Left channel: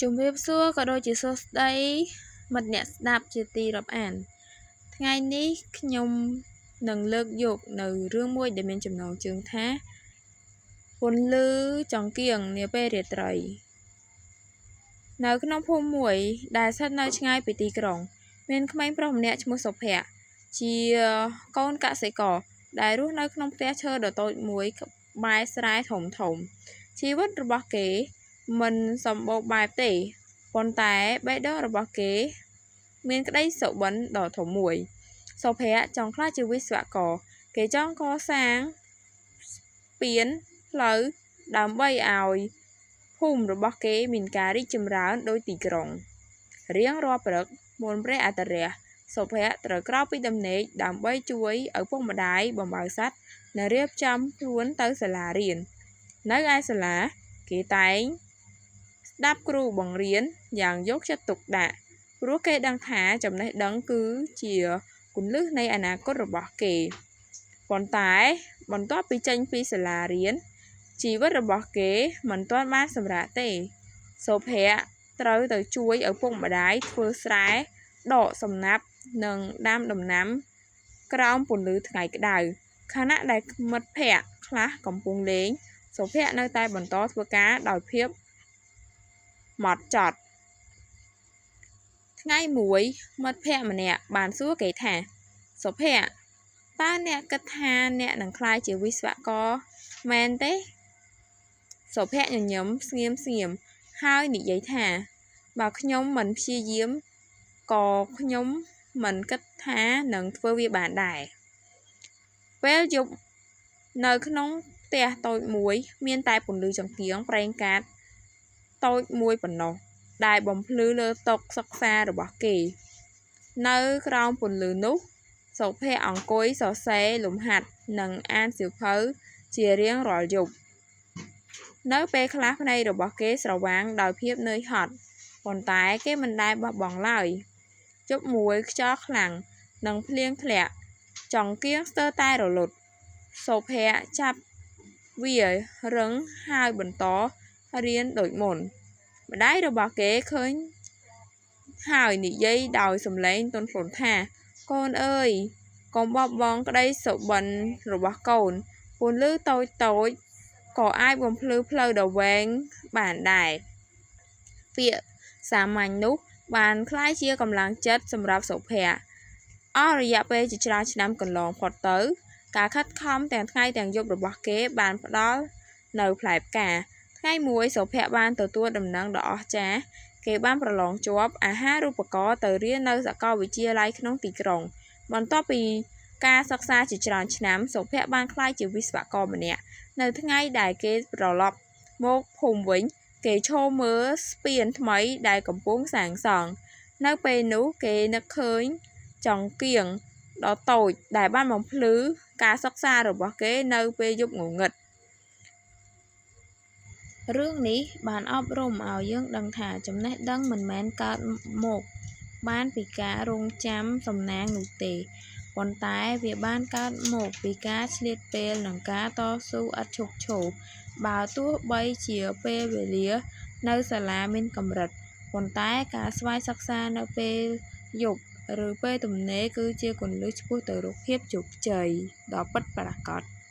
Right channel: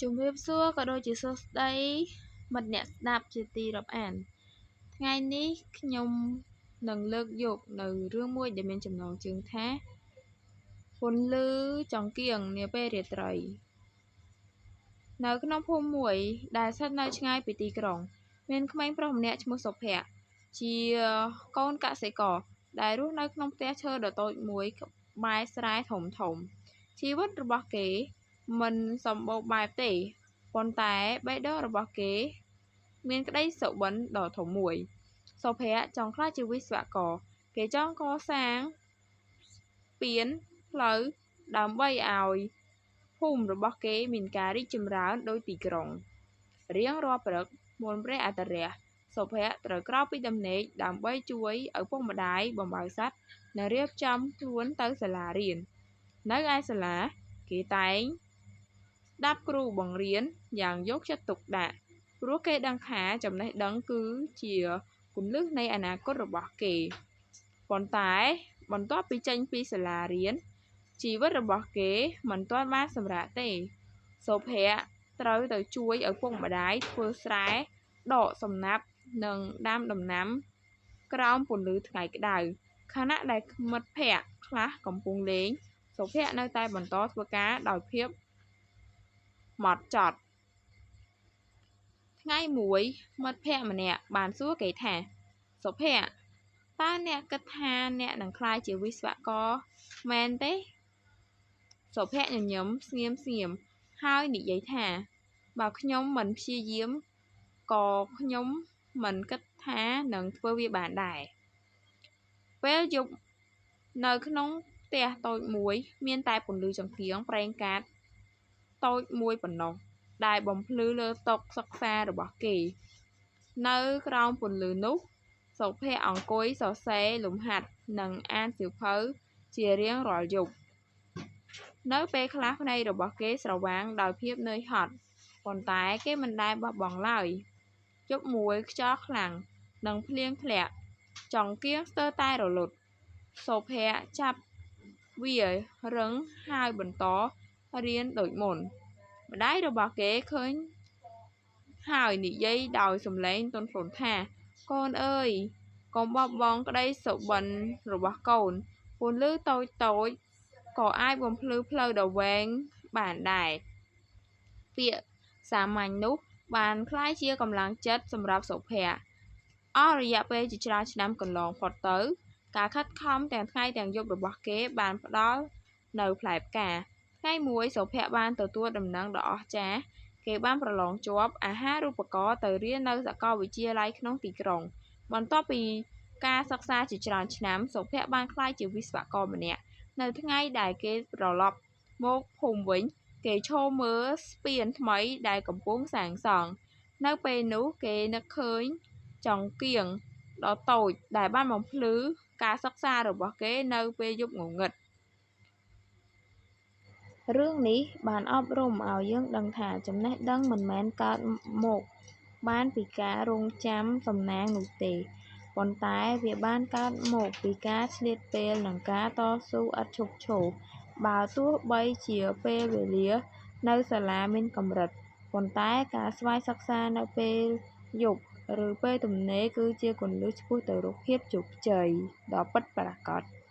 ជំរាបសួរក៏ដូចជាសួស្តីមិត្តអ្នកស្ដាប់ជាទីរាប់អានថ្ងៃនេះខ្ញុំនឹងលើកយកនៅរឿងមួយដែលមានចំណងជើងថាពន្លឺចង្គៀងនាពេលរាត្រីនៅក្នុងភូមិមួយដែលស្ថិតនៅឆ្ងាយពីទីក្រុងមានក្មេងប្រុសម្នាក់ឈ្មោះសុភ័ក្រជាកូនកសិករដែលរស់នៅក្នុងផ្ទះឈើដ៏តូចមួយក្បែរស្រែធំជីវិតរបស់គេមិនសម្បូរបែបទេប៉ុន្តែបេះដូងរបស់គេមានក្តីសុបិនដ៏ធំមួយសុភ័ក្រចង់ក្លាយជាវិស្វករគេចង់កសាងស្ពានផ្លូវដើម្បីឲ្យភូមិរបស់គេមានការរីកចម្រើនដោយទីក្រុងរៀងរាល់ព្រឹកមុនព្រះអាទិត្យរះសុភ័ក្រត្រូវក្រោកពីដំណេកដើម្បីជួយឪពុកម្ដាយបំបៅសត្វនិងរៀបចំខ្លួនទៅសាលារៀននៅឯសាលាគេតែងស្ដាប់គ្រូបង្រៀនយ៉ាងយកចិត្តទុកដាក់ព្រោះគេដឹងថាចំណេះដឹងគឺជាគន្លឹះនៃអនាគតរបស់គេប៉ុន្តែបន្ទាប់ពីចេញពីសាលារៀនជីវិតរបស់គេមិនទាន់បានសម្រាកទេសុភ័ក្រត្រូវទៅជួយឪពុកម្ដាយធ្វើស្រែដកសំណាប់និងដាំដំណាំក្រោមពន្លឺថ្ងៃក្តៅខណៈដែលមិត្តភ័ក្តិខ្លះកំពុងលេងសុភ័ក្រនៅតែបន្តធ្វើការដោយភាពហ្មត់ចត់ថ្ងៃមួយមិត្តភ័ក្តិម្នាក់បានសួរគេថាសុភ័ក្រតើអ្នកគិតថាអ្នកនឹងក្លាយជាវិស្វករមែនទេសុភ័ក្រញញឹមស្ងៀមហើយនិយាយថាបើខ្ញុំមិនព្យាយាមក៏ខ្ញុំមិនគិតថានឹងធ្វើវាបានដែរពេលយប់នៅក្នុងផ្ទះតូចមួយមានតែពន្លឺចង្គៀងប្រេងកាតតូចមួយប៉ុណ្ណោះដែលបំភ្លឺលើតុសិក្សារបស់គេនៅក្រោមពន្លឺនោះសុភ័ក្រអង្គុយសរសេរលំហាត់និងអានសៀវភៅជារៀងរាល់យប់នៅពេលខ្លះភ្នែករបស់គេស្រវាងដោយភាពនឿយហត់ប៉ុន្តែគេមិនដែលបោះបង់ឡើយយប់មួយខ្យល់ខ្លាំងនិងភ្លៀងធ្លាក់ចង្គៀងស្ទើរតែរលត់សុភ័ក្រចាប់វារឹងហើយបន្តរៀនដូចមុនម្ដាយរបស់គេឃើញហើយនិយាយដោយសំឡេងទន់ភ្លន់ថាកូនអើយកុំបោះបង់ក្តីសុបិនរបស់កូនពន្លឺតូចក៏អាចបំភ្លឺផ្លូវដ៏វែងបានដែរពាក្យសាមញ្ញនោះបានក្លាយជាកម្លាំងចិត្តសម្រាប់សុភ័ក្រអស់រយៈពេលជាច្រើនឆ្នាំកន្លងផុតទៅការខិតខំទាំងថ្ងៃទាំងយប់របស់គេបានផ្ដល់នៅផ្លែផ្កាថ្ងៃមួយសុភ័ក្របានទទួលដំណឹងដ៏អស្ចារ្យគេបានប្រឡងជាប់អាហារូបករណ៍ទៅរៀននៅសាកលវិទ្យាល័យក្នុងទីក្រុងបន្ទាប់ពីការសិក្សាជាច្រើនឆ្នាំសុភ័ក្របានក្លាយជាវិស្វករម្នាក់នៅថ្ងៃដែលគេត្រឡប់មកភូមិវិញគេឈរមើលស្ពានថ្មីដែលកំពុងសាងសង់នៅពេលនោះគេនឹកឃើញចង្គៀងដ៏តូចដែលបានបំភ្លឺការសិក្សារបស់គេនៅពេលយប់ងងឹតរឿងនេះបានអប់រំឲ្យយើងដឹងថាចំណេះដឹងមិនមែនកើតមកបានពីការរង់ចាំសំណាងនោះទេប៉ុន្តែវាបានកើតមកពីការឆ្លៀតពេលនិងការតស៊ូឥតឈប់ឈរបើទោះបីជាពេលវេលានៅសាលាមានកម្រិតប៉ុន្តែការស្វ័យសិក្សានៅពេលយប់ឬពេលទំនេរគឺជាគន្លឹះឆ្ពោះទៅរកភាពជោគជ័យដ៏ពិតប្រាកដ